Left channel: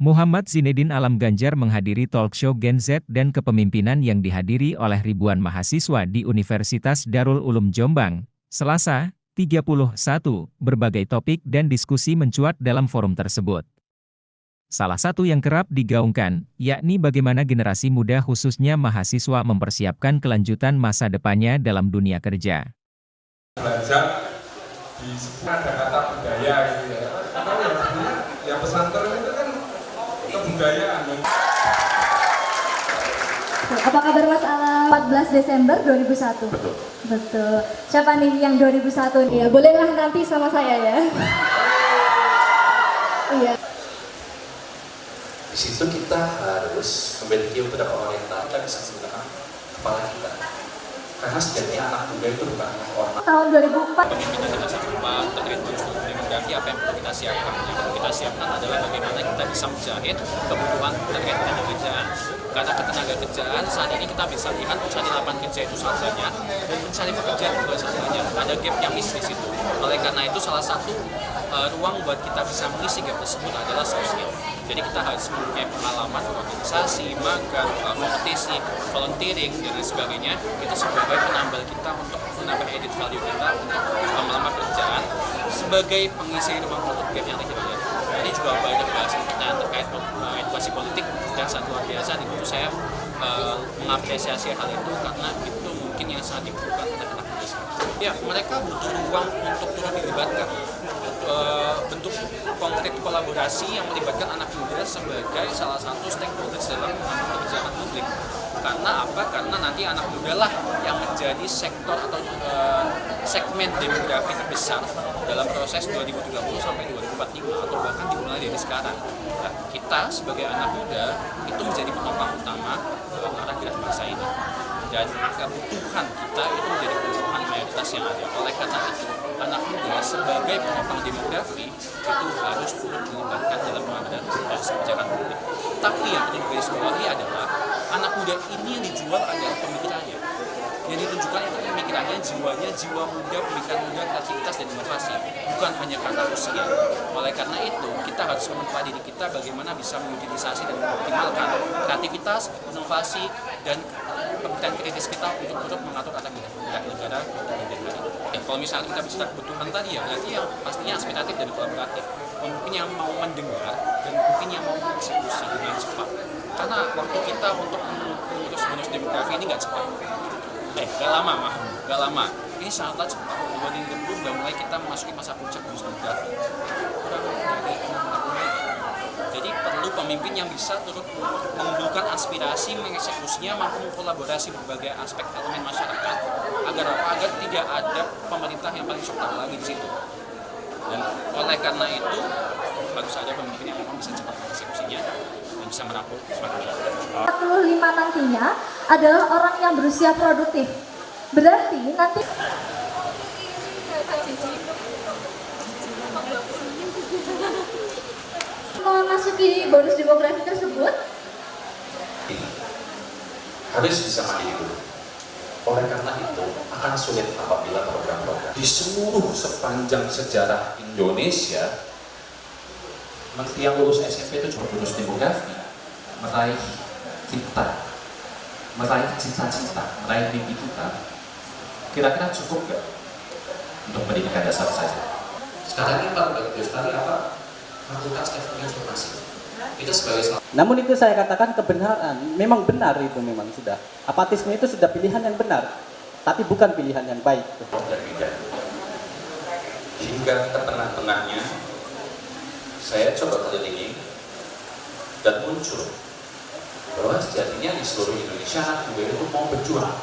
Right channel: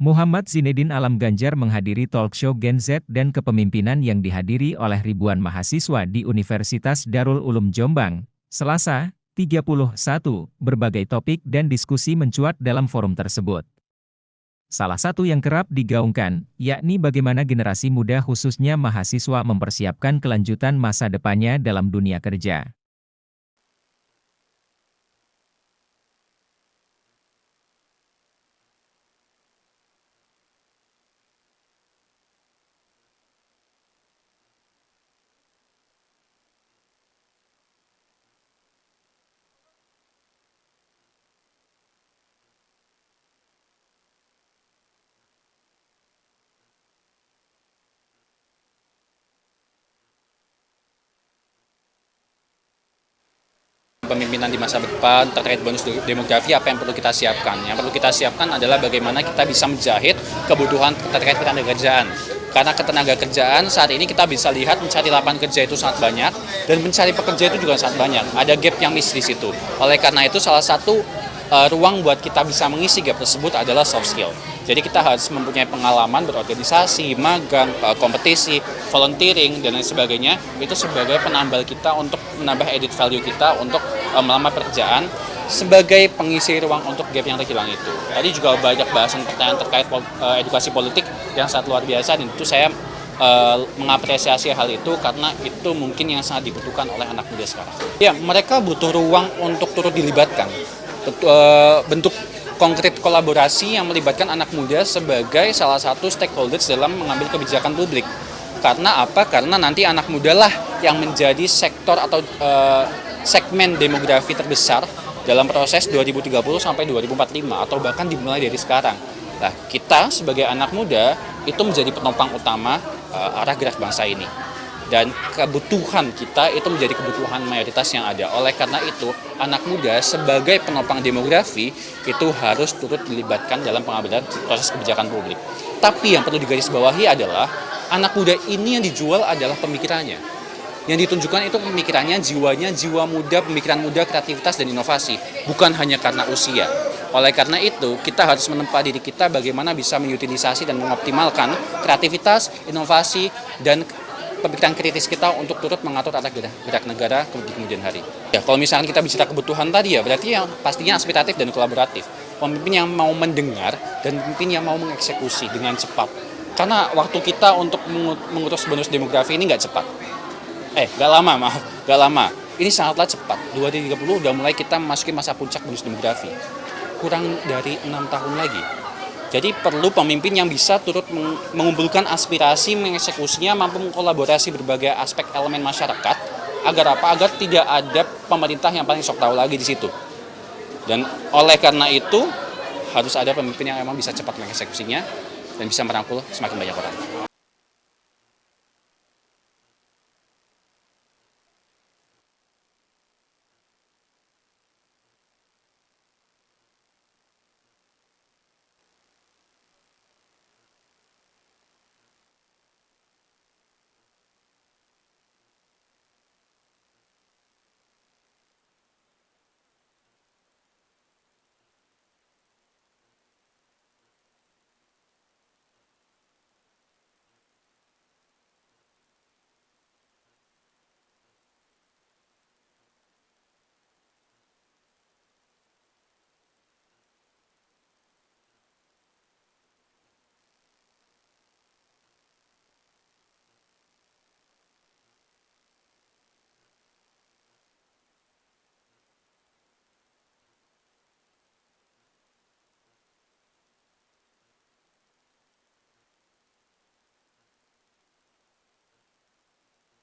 Muhammad Zinedin Alam Ganjar menghadiri talkshow Gen Z dan kepemimpinan yang dihadiri oleh ribuan mahasiswa di Universitas Darul Ulum Jombang, Selasa, 31, berbagai topik dan diskusi mencuat dalam forum tersebut. Salah satu yang kerap digaungkan, yakni bagaimana generasi muda khususnya mahasiswa mempersiapkan kelanjutan masa depannya dalam dunia kerja. Belajar di sebuah ada kata budaya gitu ya. Karena yang sebenarnya yang pesantren itu kan kebudayaan. Apa kabar Mas Alam? 14 Desember 2001. Betul. Betul. Siapa nih yang 2001? Ya, bolehlah nanti sama saya ya. Iya. Di situ kita harus memiliki beberapa orientasi kita bisa menggunakan kepala kita. Karena sejatinya anak muda itu bukan orang. Tahun 2004. Pemimpinan di masa depan terkait bonus demografi, apa yang perlu kita siapkan? Yang perlu kita siapkan adalah bagaimana kita bisa menjahit kebutuhan terkait ketenaga kerjaan. Karena ketenaga kerjaan saat ini kita bisa lihat mencari lapangan kerja itu sangat banyak dan mencari pekerja itu juga sangat banyak. Ada gap yang miss di situ. Oleh karena itu salah satu ruang buat kita bisa mengisi gap tersebut adalah soft skill. Jadi kita harus mempunyai pengalaman berorganisasi, magang, kompetisi, volunteering, dan lain sebagainya. Itu sebagai penambal kita untuk menambah edit value kita untuk melamar pekerjaan sebagai pengisi ruang untuk gap yang terhilang itu. Tadi juga banyak bahasan pertanyaan terkait edukasi politik yang sangat luar biasa, dan itu saya mengapresiasi hal itu karena itu mungkin yang sangat dibutuhkan oleh anak muda sekarang. Ya, mereka butuh ruang untuk turut dilibatkan. Bentuk konkret kolaborasi yang melibatkan anak muda sebagai salah satu stakeholders dalam mengambil kebijakan publik. Karena apa? Karena nanti anak muda lah yang menjadi sektor atau segmen demografi terbesar dalam proses 2030 sampai 2045 atau bahkan dimulai dari sekarang. Nah, kita sebagai anak muda itu menjadi penopang utama arah gerak bangsa ini. Dan kebutuhan kita itu menjadi kebutuhan mayoritas yang ada. Oleh karena itu, anak muda sebagai penopang demografi itu harus turut dilibatkan dalam pengambilan proses kebijakan publik. Tapi yang perlu digarisbawahi adalah anak muda ini yang dijual adalah pemikirannya. Yang ditunjukkan itu pemikirannya, jiwanya, jiwa muda, pemikiran muda, kreativitas, dan inovasi. Bukan hanya karena usia. Oleh karena itu, kita harus menempa diri kita bagaimana bisa mengutilisasi dan mengoptimalkan kreativitas, inovasi, dan pemikiran kritis kita untuk turut mengatur arah gerak negara kemudian hari. Ya, kalau misalnya kita bicara kebutuhan tadi ya, berarti yang pastinya aspiratif dan kolaboratif. Pemimpin yang mau mendengar dan pemimpin yang mau mengeksekusi dengan cepat. Karena waktu kita untuk mengurus bonus demografi ini nggak cepat. Gak lama. Ini sangatlah cepat. 2030 udah mulai kita memasuki masa puncak bonus demografi. Kurang dari 6 tahun lagi. Jadi perlu pemimpin yang bisa turut mengumpulkan aspirasi, mengeksekusinya, mampu mengkolaborasi berbagai aspek elemen masyarakat, agar apa? Agar tidak ada pemerintah yang paling sok tahu lagi di situ. Dan oleh karena itu harus ada pemimpin yang memang bisa cepat mengeksekusinya dan bisa merangkul semakin banyak orang. 45 nantinya adalah orang yang berusia produktif. Berarti nanti memasuki bonus demografi tersebut Harus bisa mandiri dulu. Oleh karena itu akan sulit apabila program-program di sepanjang sejarah Indonesia, yang lulus SMP itu cuma lulus demografi, meraih kita, meraih cita-cita, meraih mimpi kita. Kira-kira cukup nggak untuk pendidikan dasar saja? Sekarang ini Pak Dr. Yustari apa? Fakultas Teknik Informasi. Itu sebagai salah. Namun itu saya katakan kebenaran, memang benar itu memang sudah. Apatisme itu sudah pilihan yang benar, tapi bukan pilihan yang baik. Dan tidak. Hingga ke tengah-tengahnya, saya coba kelilingi dan muncul bahwa sejatinya di seluruh Indonesia anak muda itu mau berjuang.